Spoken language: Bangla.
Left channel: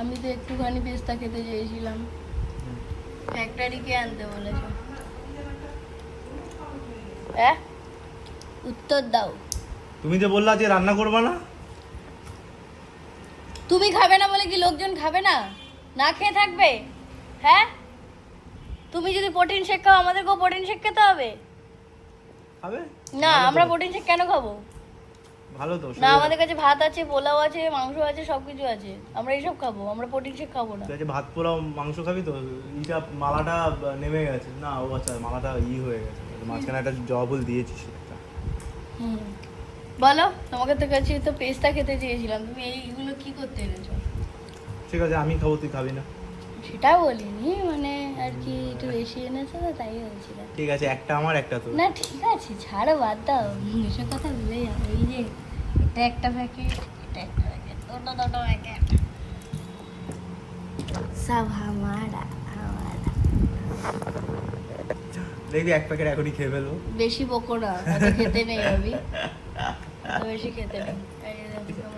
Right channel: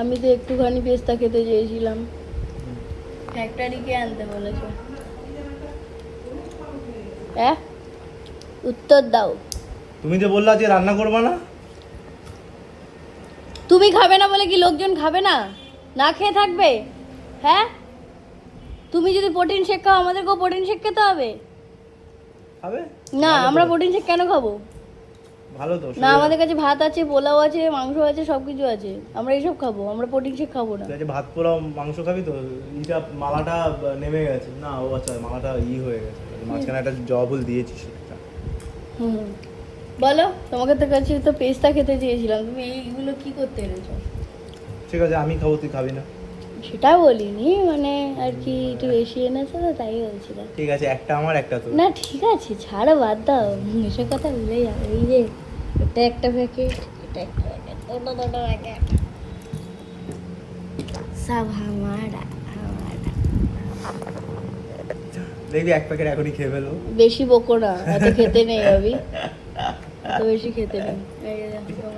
আমি তো একটুখানি পেস্তা খেতে চেয়েছিলাম, ফ্যাক্টরিকে আনতে বলেছে। হ্যাঁ, উত্তর দাও। তুমি যে বললা যে রান্না করবা না, তুমি খাবে না বলে কি লোকজন খাবে না? না খেয়ে থাকবে? হ্যাঁ, তুমি যদি প্রোটিন শেক খাও আমাদেরকেও প্রোটিন শেক খেতে হবে খাবে না? ভালো তো। আমরা প্রোটিন শেক কেন খাবো? ভালো তো না, আমাদের কাছে ভাত আছে, পোলাও আছে, মাংস আছে, সবকিছু আছে, আমরা এইসব খাবো, আমরা প্রোটিন শেক খাবো না। ঠিক আছে, ভাত পোলাও মাংস খাবি তো? ইটা মালাটা নেমে গেছে না? ও আচ্ছা, মালাটা হয়ে গেছে, মাঝখানে একটা জবা ফুল দিয়েছিস একটা। হুম, বলো, তোমাকে তো কাছে তো পেস্তা খেতে চেয়েছিলাম, তুমি এইগুলো কি করতে এনেছো? ঠিক আছে, আমি খাবো, তুই খাবি না? সেটা বলিনি, মানে আর কি একটু বেশি এনেছো তো তাই বলছিলাম। ঠিক আছে, একটা আমার একটা তো। না ঠিক আছে, ছাড়ো, বাদ দাও, এসব কথা ভুলে যাও। এই যে এটা একটা প্যাকেট, এটা একটা প্যাকেট, দুটো দুটো প্যাকেট, সব হামারা হামারা। দেখবি এক প্যাকেট এখনই খেয়ে ফেলবো। বেশি বকো না, এত খেতে নেই ভাবি, এত বেশি খেতে নেই। এই দেখো।